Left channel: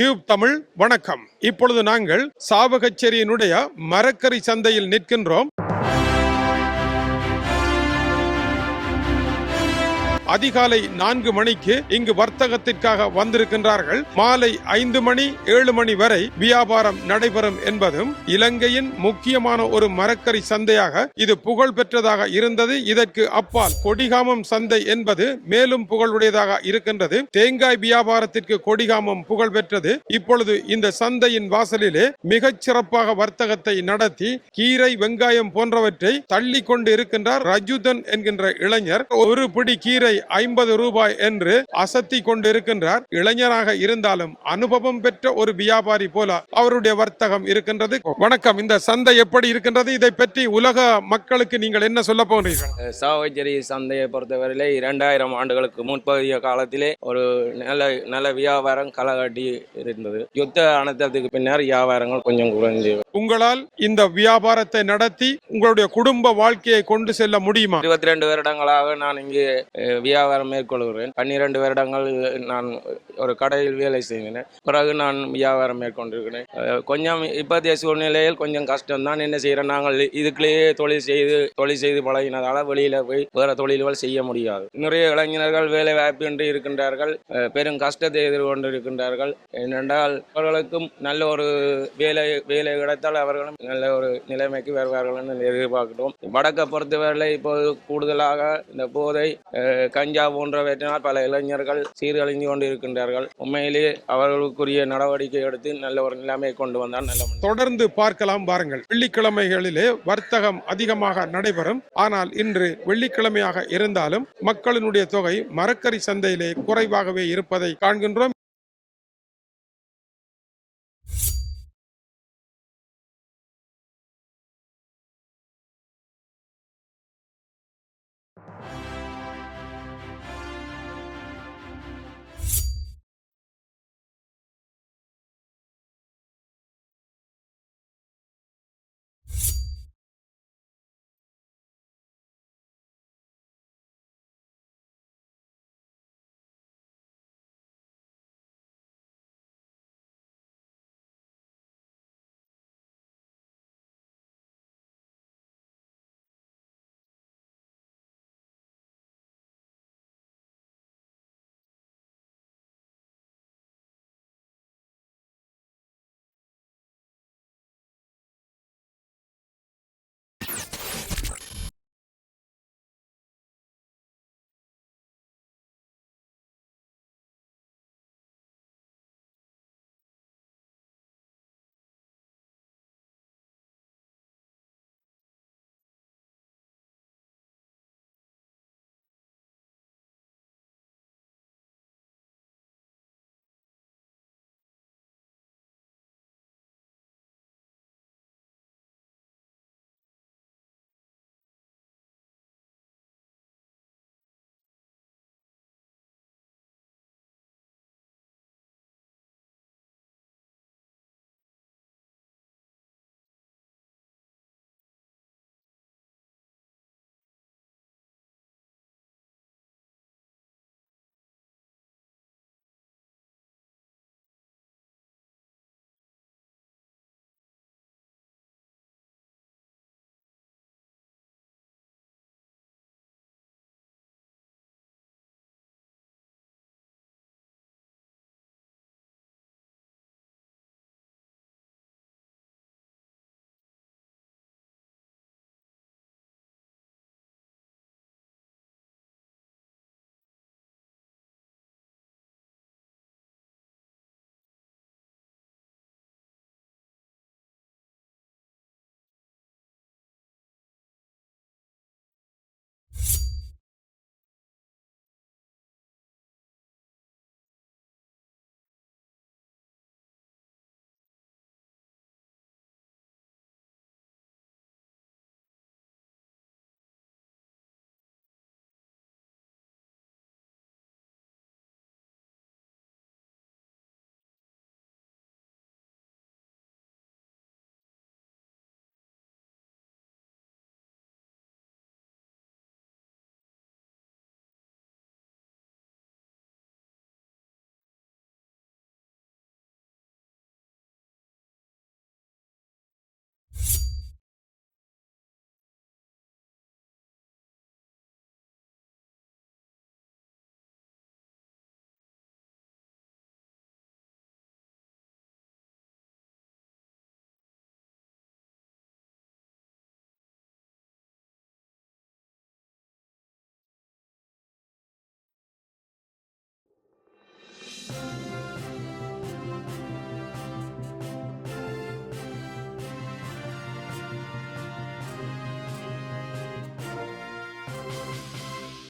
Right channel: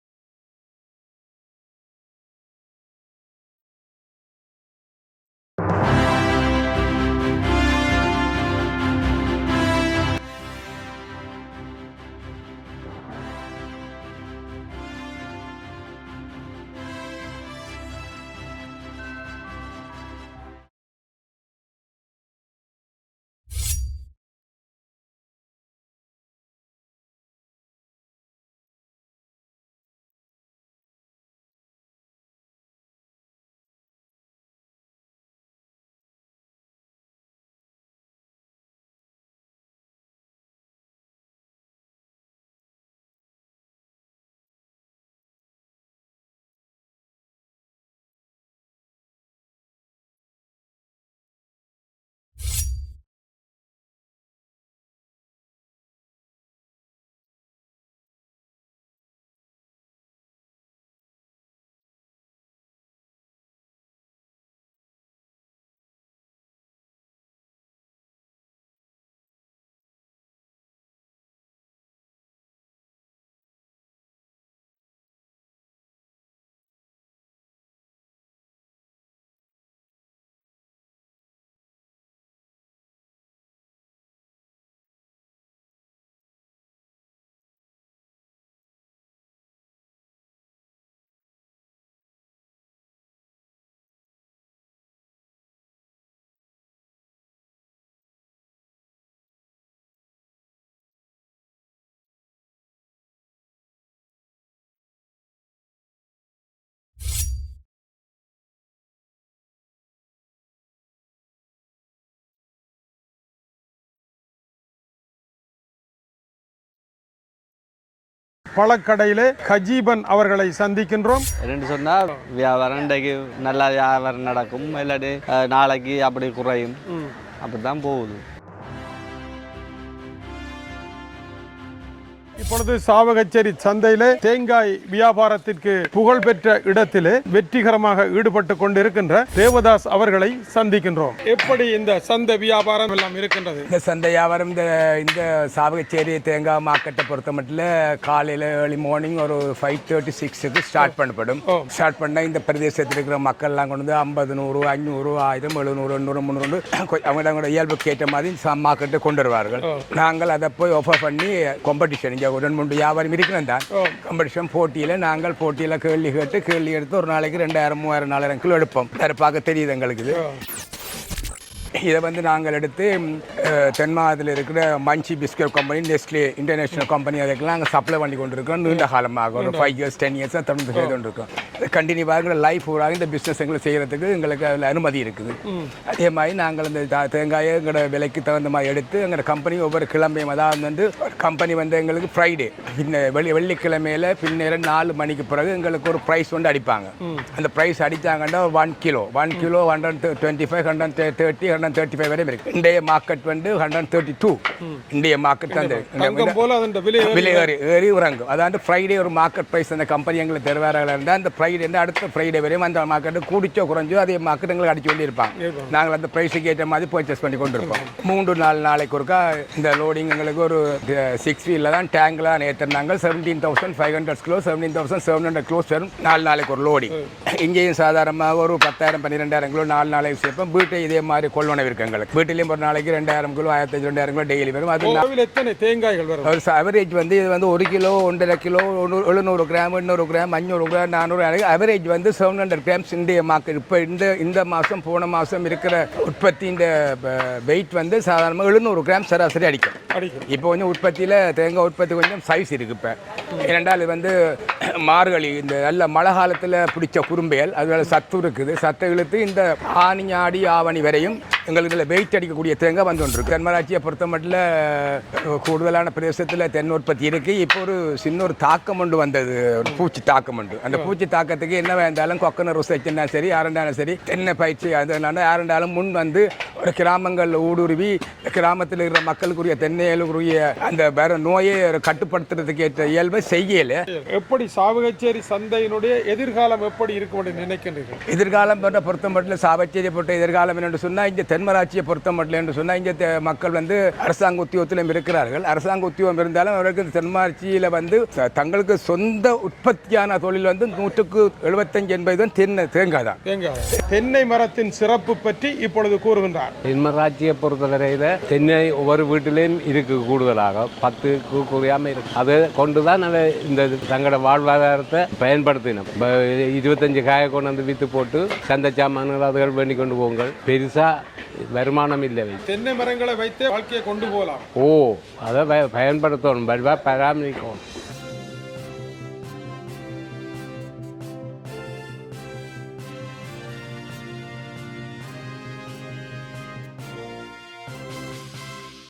Tube Tamil வணக்கம். இப்பொழுது நாங்கள் சாவகச்சேரியினுடைய மரக்கறி சந்தையில் நிற்கின்றோம். அதிகாலை நான்கு மணிக்கு இங்கு வர்த்தகத்திற்காக வந்திருக்கின்றார்கள். மாலை ஐந்து மணி ஏழு மணி வரை வியாபாரம் நடைபெறும் என்பதும் இலங்கையின் முக்கியமான ஒரு மரக்கறி சந்தையாக இது புகழ் பெற்றதாக இருந்தது. இதற்கு அப்பால் கொடிகாமம் சந்தை என்பது மேலும் புகழுடையதாக இருக்கின்றது. தேங்காய் வியாபாரத்திற்கு கொடிகாமம் புகழ் பெற்றது. இப்பொழுது இந்த சந்தையின் வாசலிலே மிகச் சிறப்பாக வர்த்தகத்தை நடத்தி கீரை வெங்காயம் போன்றவற்றை தள்ளி கொண்டு இருக்கின்றார் ரஜுதன் என்கின்ற இளைஞர். ஒரு பிடி கீரை ஐம்பது ரூபாய் என்று அசத்தி கொண்டிருக்கின்றார். இளைஞராக இருந்தாலும் அனுபவம் பெற்ற ஒரு வியாபாரி போல அவருடைய வர்த்தகம் இருக்கின்றது. வணக்கம். இந்த சந்தை எப்படி இருக்கின்றது? இதை பற்றி உலக மக்களுக்கு நீங்கள் என்ன சொல்ல போகிறீர்கள்? சாவகச்சேரி சந்தையை பொறுத்தவரையிலே இரண்டாயிரம் ஆண்டுகளுக்கு முன்பதிய காலத்திலே ஒரு நல்ல நல்ல வியாபாரம் களகாட்டி இருந்தது. யுத்த அனர்த்தத்துக்கு பின்னர் வியாபாரங்கள் கொஞ்சம் குறைஞ்சு. உங்களால் இந்த வியாபாரத்தை நடத்தி உங்களுடைய குடும்ப வாழ்க்கையை கொண்டு செல்ல முடியுமா? இருபத்தி ரெண்டு வருடங்களாக நான் இங்கே வியாபாரம் மேற்கொள்கிறேன். பன்னிரண்டு வருடங்கள் நான் ஒரு கடையில் வேலை செய்கிறேன். பிறகு நான் வியாபாரம் மேற்கொண்டிருக்கிறேன். அஹ், கொஞ்சம் இப்போதைய சூழ்நிலையில் கொஞ்சம் கஷ்டம் தான் என்ன செய்கிறேன்? நாங்கள் இதுக்குள்ளேயே தொழில் செய்து தொழில் செய்து பழகினதால வெளியில் போய் வேறு தொழில்கள் செய்ய முடியாது. நிறைய இளைஞர்கள் வேலை வாய்ப்பின்றி இருக்கின்றார்கள் பெரும் கஷ்டத்தை எதிர்கொண்டு இருக்கின்றார்கள் ஏனென்றால் அவர்களுக்கும் நல்ல ஒரு வேலை வேலை கிடைத்தால் அவர்களும் நல்ல ஒரு நிலைமைக்கு வருவார்கள் என்று எதிர்பார்க்கிறோம். வடக்கை பொறுத்தவரை இப்போது கூடுதலாக இந்த போதை கஞ்சா போன்றவற்றினால் பல இளைஞர்கள் சீரழிந்து கொண்டு இருக்கின்றார்கள் உண்மையிலேயே அவர்களுக்குரிய நடவடிக்கை எடுத்து நல்ல ஒரு நிலைமையை கொண்டு வந்தால் நல்ல தொடர்ந்து பார்க்கலாம் பாருங்கள் வெள்ளிக்கிழமைகளிலே வர்த்தகம் அதிகமாக நடைபெறும். ஆனால் இன்று வெள்ளிக்கிழமையாக இருந்தாலும் மக்களினுடைய தொகை மரக்கறி சந்தையிலே குறைவாகவே இருப்பதை காண்கின்றோம். பழக்கடையிலே கஜீபன் அவர்களை சந்திக்கின்றோம். ரெண்டு சொன்னால் வியாபாரம் இன்றைக்கு நல்லா வியாபாரம் நடக்கும். இல்லாட்டி நாளைக்கு அப்படி குறையும். அப்படி தான் போகுது. இப்பொழுது சாவகச்சேரி சந்தையிலே தேங்காய் வியாபாரத்திற்கு புகழ்பெற்ற இடத்திலே வெற்றிகரமாக ஈடுபட்டு கொண்டிருக்கின்ற தேவதாஸ் அவர்களை சந்திக்கின்றோம். எப்படி இந்த சந்தை வியாபாரம் எல்லாம் இருக்கின்றது? இந்த சந்தை வியாபாரம் இந்த இந்த சாவகச்சேரி தேங்காய் மார்க்கெட்டை பொறுத்த மட்டும் காலையில் ஏர்லி மார்னிங் ஒரு ஃபைவ் தேர்ட்டி சிக்ஸுக்கு ஸ்டார்ட் பண்ணப்படும். ஸ்டார்ட் பண்ணால் இந்த பிரதேசத்தில் இருக்கிற மக்கள்லாம் கொண்டு வந்து ஐம்பது நூறு ஐநூறு ஆயிரம் எழுநூறு எண்ணூறு முந்நூறு அவங்களோட இயல்புக்கு ஏற்ற மாதிரி மார்க்கெட்டை கொண்டு வருவார்கள். நாங்கள் அதை போய் ஆஃபர் பண்ணி காம்படிஷன் இங்கே மூணு வியாபாரம் இருக்கிறோம் தான். காம்படிஷன் போட்டியில் நாங்கள் போட்டியில் கேள்வி கேட்டு கேள்வி எடுத்து ஒரு நாளைக்கு ரெண்டாயிரம் மூவாயிரம் நாலாயிரம் கிலோ எடுப்போம். பார்க்க தெரியுது எங்களுக்கு இது. இதை வந்து நாங்கள் எடுத்து ம், அஹ், தென் மாவட்டத்தில் இருக்கிற மஞ்சி biscuit company Nestle international company அதுக்கெல்லாம் நாங்கள் சப்ளை பண்ணி கொண்டிருக்கோம். நீண்ட காலமாக ஒரு ஃபைவ் இயர்ஸ் டென் இயர்ஸ் தொடர்ந்து செய்து கொண்டிருக்கோம் கண்டினியூவாக எங்களை லைஃப் ஊராக இந்த பிஸ்னஸ் எங்களை செய்கிறதுக்கு எங்களுக்கு அதில் அனுமதி இருக்குது. அதே மாதிரி நாங்கள் இந்த தேங்காயை எங்களோட விலைக்கு தகுந்த மாதிரி எடுத்து எங்களோட கம்பெனி ஒவ்வொரு கிழமையும் அதாவது வந்து கம்பெனி வந்து எங்களுக்கு ஃப்ரைடே பின்ன வெள்ளி வெள்ளிக்கிழமையில பின்னேரம் நாலு மணிக்கு பிறகு எங்களுக்கு ஒரு ப்ரைஸ் வந்து அடிப்பாங்க. அந்த price அடித்தாங்கன்னா one kilo one kilo hundred twenty five hundred thirty hundred thirty five வரையும் இருக்கு. இன்றைய மார்க்கெட் வந்து ஹண்ட்ரட் தேர்ட்டி டூ இந்திய மார்க்கெட் தான் அதன் விலை ஏறி ஏறி இறங்கும். அதாவது ஃப்ரைடே ஒரு மார்க்கெட் ப்ரைஸ் அந்த கம்பெனி எங்களுக்கு தருவார்கள் இருந்தால் அந்த ஃப்ரைடே அடுத்த ஃப்ரைடே வரையும் அந்த மார்க்கெட்டு கூடிச்சோ குறைஞ்சோ அதே மார்க்கெட் எங்களுக்கு அடிச்சு கொண்டு இருப்பாங்க நாங்கள் அந்த ப்ரைஸுக்கு ஏற்ற மாதிரி பர்ச்சேஸ் பண்ணி கொண்டு இருப்போம் மூன்று நாலு நாளைக்கு ஒருக்கா இந்த லோடிங் எங்களுக்கு ஒரு சிக்ஸ் வீலில் தான் டேங்கில் ஏற்றிருந்தாங்க seventeen thousand five hundred kilo seventeen thousand seven hundred kilos வரும். நாலு நாளைக்கு ஒரு லோடிங் இங்கேயும் சாதாரணமாக ஒரு பத்தாயிரம் பன்னிரெண்டாயிரம் கிலோ நாலு நாளைக்கு சேர்ப்போம். வீட்டை இதே மாதிரி கொள்வனவு இருக்கு எங்களுக்கு. வீட்டிலையும் ஒரு நாளைக்கு ரெண்டாயிரம் கிலோ ஆயிரத்தி ரெண்டாயிரம் கிலோ டெய்லி வரும். அது எத்தனை தேங்காய்கள் வரும்? ஒரு அவரேஜ் வந்து இது வந்து ஒரு கிலோ ஒன்றரை கிலோ எழுநூறு கிராம் எண்ணூறு கிராம் அஞ்சூறு கிராம் நானூறு அவரேஜ் வந்து செவன் ஹண்ட்ரட் கிராம்ஸ் இந்திய மார்க்கெட் இப்போ இந்த இந்த மாதம் போன மாதம் இருக்கிற உற்பத்தியின் வெயிட் வந்து சாதாரணமாக எழுநூறு கிராம் சராசரி அடிக்கும். அடிக்கும். இப்போ கொஞ்சம் உற்பத்தியில் தேங்காய் உற்பத்தி கொஞ்சம் சைஸ் இருக்கு இப்போ. ஏனென்றால் இது வந்து மார்கழி இந்த நல்ல மழை காலத்தில் பிடிச்ச குறும்பையல் அதோட சத்து இருக்குது. சத்து இழுத்து இந்த ஆனி ஆடி ஆவணி வரையும் எங்களுக்கு இதில் வெயிட் அடிக்கக்கூடிய தேங்காய் வந்து கொண்டிருக்கு தென்மராட்சியை பொறுத்த மட்டும் கூடுதலான பிரதேசத்தில் தென் உற்பத்தி இருக்கு. இப்போ ஒரு சின்ன ஒரு தாக்கம் ஒன்று வந்தது. ஒரு பூச்சி தாக்கம் உண்டு அந்த பூச்சி தாக்கத்துக்கு என்ன வேண்டாலும் கொக்கன ருசைச்சுன்னா சரி யாருண்டாலும் சரி தென்னை பயிற்சி அதனால யாருண்டாலும் முன் வந்து ஒரு கிராமங்களில் ஊடுருவி கிராமத்தில் இருக்கிற மக்களுக்குரிய தென்னைகளுக்குரிய அந்த வேற நோயை கட்டுப்படுத்துறதுக்கு ஏற்ற இயல்பை செய்யல. எப்படி சாவகச்சேரி சந்தையினுடைய எதிர்காலம் எப்படி இருக்கும் நினைக்கின்றீர்கள்? எதிர்காலம் பொறுத்த மட்டும் சாவச்சேரி பொறுத்த எதிர்காலம் என்னென்னு சொன்னால் இங்கே தென்மராட்சியை பொறுத்த மட்டும் என்று சொன்னால் இங்கே தெ- மக்கள் வந்து அரசாங்க உத்தியோகத்திலும் இருக்கிறார்கள். அரசாங்க உத்தியோகம் இருந்தாலும் அவர்களுக்கு தென்மராட்சியில் வந்து தங்களுக்கு சொந்த உற்பத்தியான தொழில் வந்து நூற்றுக்கு எழுபத்தஞ்சு எண்பது தான் தென்னை தேங்காய் தான். தேங்காய். தென்னை மரத்தின் சிறப்பு பற்றி இப்பொழுது கூறுகின்றார். தென்மராட்சியை பொறுத்தவரையில் தென்னை ஒவ்வொரு வீட்டிலையும் இருக்கு கூடுதலாக. பத்து குறையாம இருக்கு. அதை கொண்டு தான் அதை இந்த தங்களோட வாழ்வாதாரத்தை பயன்படுத்தினோம். இருபத்தஞ்சு காயை கொண்டு வந்து விற்று போட்டு சந்தை சாமான்கள் அதுகள் வேண்டி கொண்டு போங்கள். பெருசாக வருமானம் இல்லை தென்னை மரங்களை வைத்து வாழ்க்கையை கொண்டு போகலாம். ஓ அதை பய- பயன்படுத்தணும். பராமரிக்கணும்.